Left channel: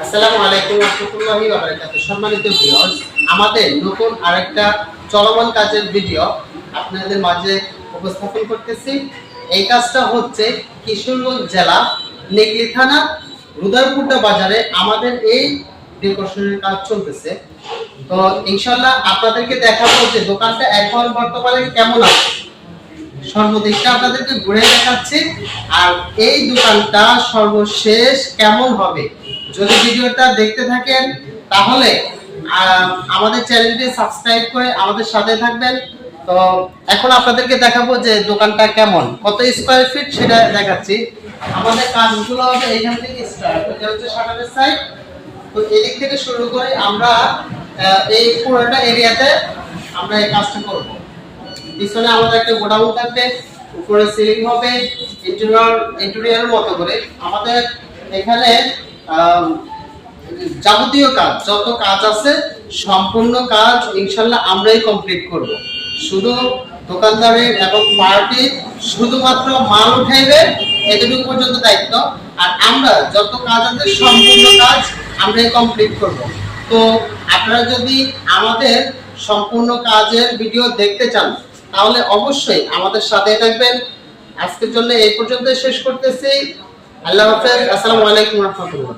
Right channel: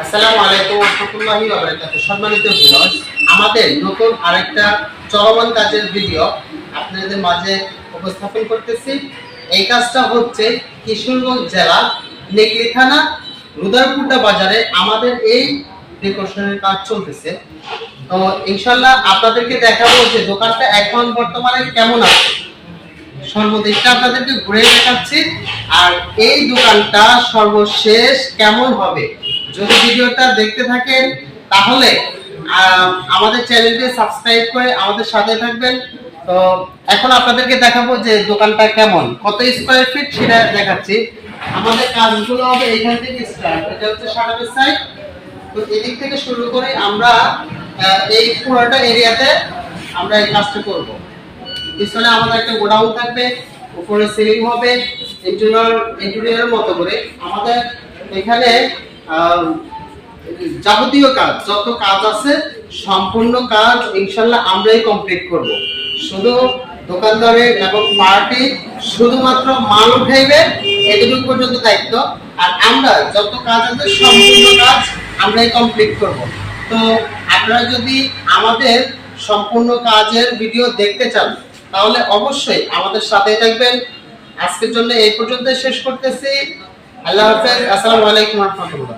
আসসালামু আলাইকুম ওয়া রাহমাতুল্লাহি ওয়া বারাকাতুহু। সম্মানিত ভিউয়ার্স, আমাদের নতুন আরেকটা চলমান কাজের ভিডিও আপনাদের মাঝে উপস্থাপন করতেছি। এই কাজটা হচ্ছে কিশোরগঞ্জ জেলা নেগলি থানা রুদারপুটা বাজারে আমাদের এই ডেকোরেশনের কাজ চলতেছে। তো ইনশাআল্লাহ আপনাদেরকে দেখাবো যে দোকানটা এখন বর্তমানে কেমন আছে। সর্বদিকটা আপনাদেরকে ঘুরে দেখাচ্ছি আর এই দোকানটা সর্বশেষ কেমন হবে। যদি ভিডিওটা দেখতে থাকেন তাহলে আমাদের চ্যানেলটি সাবস্ক্রাইব করে আমাদের সাথে থাকবেন। তো এখন আপনাদেরকে দেখাবো যে দোকানটা কেমন, কত স্কয়ার ফিট সেটা দেখাচ্ছি। আমাদের কাজগুলো হবে এখান থেকে স্টার্ট। এটা হচ্ছে শাটারের সাইড। তো এদিক থেকে শুরু করে আমরা এই পুরোটা এরিয়াতে আমরা এই কাজটা করব। পিছনে আমাদের একটা গোডাউন থাকবে, উপরে সিলিং হবে ইন্টেরিয়রের মতো করে। আমাদের এখানে যাবতীয় কাজ যত কাজ আছে সম্পূর্ণ কাজ ইনশাআল্লাহ আমরাই কমপ্লিট করব। শুধু দোকানদারের এবং পার্টি শুধুমাত্র মাল উঠাইবে এতটুকু পর্যন্ত দায়িত্ব, আর আমরা যত কাজ আছে সম্পূর্ণ কাজ আমরাই কমপ্লিট করব। তো আপনারা যদি আমাদের সম্পূর্ণ কাজের ভিডিও দেখতে চান তাহলে অবশ্যই আমাদের সাথে থাকবেন। আজকের জন্য এই পর্যন্ত শেষ করতেছি। আল্লাহ হাফেজ। আসসালামু আলাইকুম ওয়া রাহমাতুল্লাহ।